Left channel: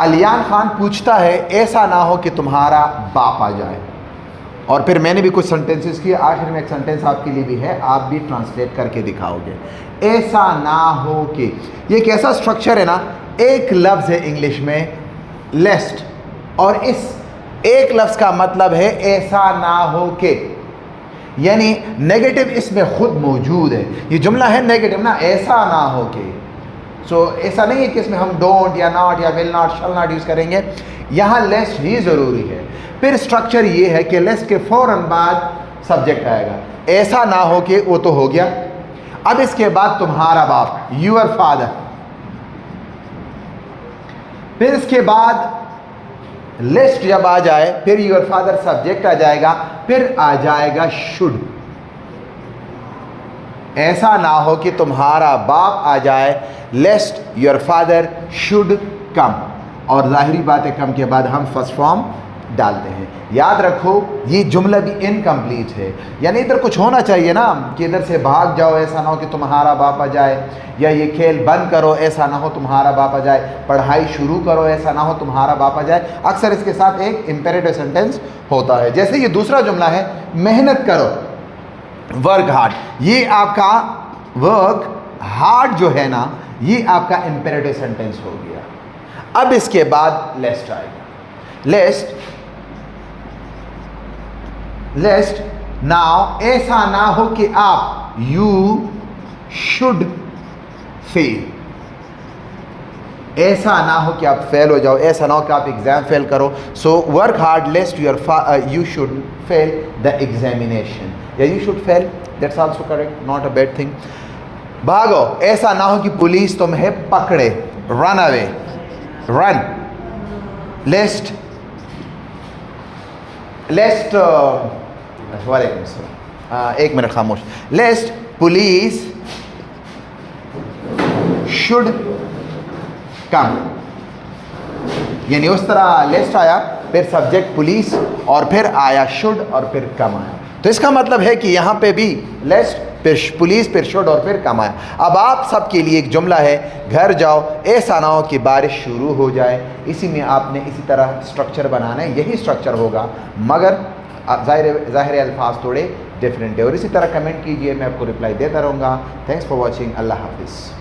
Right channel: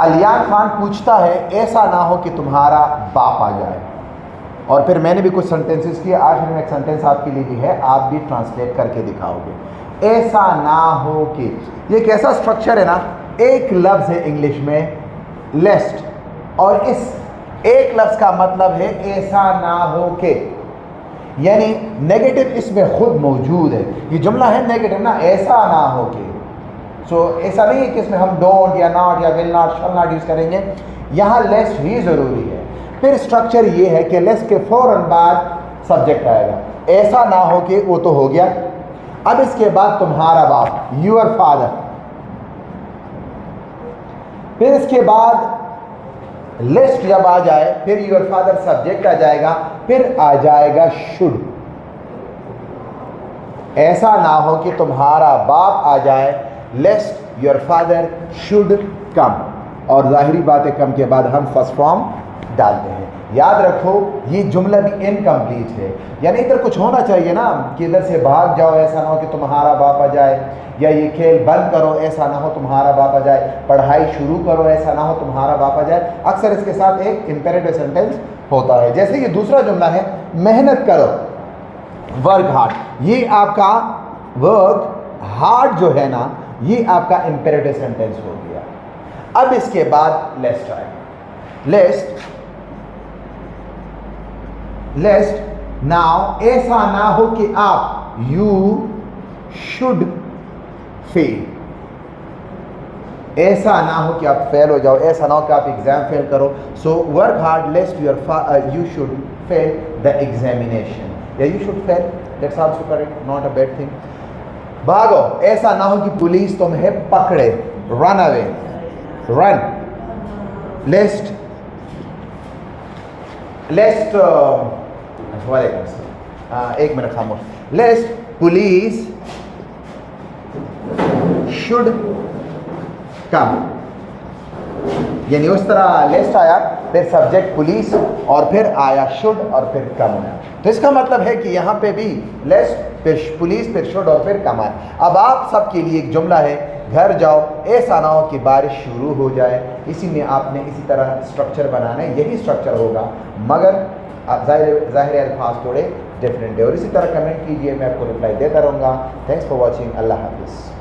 अलियान खान पूछता है ऐसा ना हो कि तुम्हारा बाप आ जाए। और फिर मैंने भी कुछ सेंटेंसेस किए, आखिर में एक सेंटेंस आपके लिए भी है, आप भी ट्रांसलेट करके दिखाओगे। ऐसा ना हो कि, ये कैसा स्ट्रक्चर है ना, एक लफ्ज़ है इंग्लिश में लेस्ट, और इस एक लफ्ज़ का मतलब है ऐसा ना हो के, यानी नेगेटिव इसमें खुद मौजूद है। ये जुमला है नेगेटिव ना, ऐसा ना हो के। सो ऐसा नहीं है कि इसमें हम डोंट या नॉट या will not shall not use करेंगे, यहाँ लेस्ट ही ज़रूरी है। फिर स्ट्रक्चर ये है कि लेस्ट के फ़ौरन बाद सब्जेक्ट आएगा, ऐसा ना हो कि, वो तो हो गया। अब इसके बाद तुम्हारा बाप, यूअर फादर। फिर इसके बाद लिस्ट जब आ जाए, फिर यूअर फादर सब्जेक्ट आ जाएगा, फिर आ जाएगा शुड। ऐसा ना हो कि तुम्हारा बाप आ जाए, लेस्ट योर फादर शुड कम। और जाहिरी बात है, कम के बाद हम फर्स्ट फॉर्म डालते हैं। याद रखो ये जुमला भी इनकम्प्लीट है, यानी इधर कुछ होना चाहिए ना कि इधर से भाग जाओ, ऐसा ना हो कि तुम्हारा बाप आ जाए, या ये खेल बंद करो, ऐसा ना हो तुम्हारा बाप आ जाए, पढ़ाई शुरू करो, ऐसा ना हो तुम्हारा बाप आ जाए। अक्सर इसके साथ एक इम्पेरेटिव सेंटेंस होता है। जैसे ये दूसरा जुमला है, मेहनत करो, वर्क हार्ड। ये आपका वर्क हार्ड जो है ना, ये आपका इम्पेरेटिव सेंटेंस हो गया। अब इसके बाद लेस्ट आएगा, लेस्ट नाउ, ऐसा ना हो कि आप, यू शुड फेल, ऐसा ना हो कि आप फेल हो जाओ, ऐसा ना हो कि आप एग्जाम फेल करो। So work hard lest you should fail the examination, या you should fail, that's also correct, not a bad thing. भागो, ऐसा ना हो कि पुलिस तुम्हें पकड़े, रन अवे, रन। लेस्ट एक मिनट खामोश। लेस्ट पुलिस शुड कम, यानी उस तरह लेस्ट आया, फिर सब्जेक्ट पुलिस, और फिर आया शुड, और फिर कम आया। तो इसका मतलब है कि यहाँ पे भी लेस्ट, फिर पुलिस, फिर शुड, और फिर कम आया। अब आप सबके लिए एक जुमला है, घर जाओ, ऐसा ना हो कि बारिश शुरू हो जाए। इसी में आपने इसी तरह स्ट्रक्चर बनाना है, यही स्ट्रक्चर होगा, मगर ज़ाहिर अल्फाज थोड़े डिफरेंट है। और इसी तरह कमेंट कीजिए, मैं आपको रिप्लाई देता रहूँगा। थैंक्स फॉर वॉचिंग, अल्लाह हाफिज़।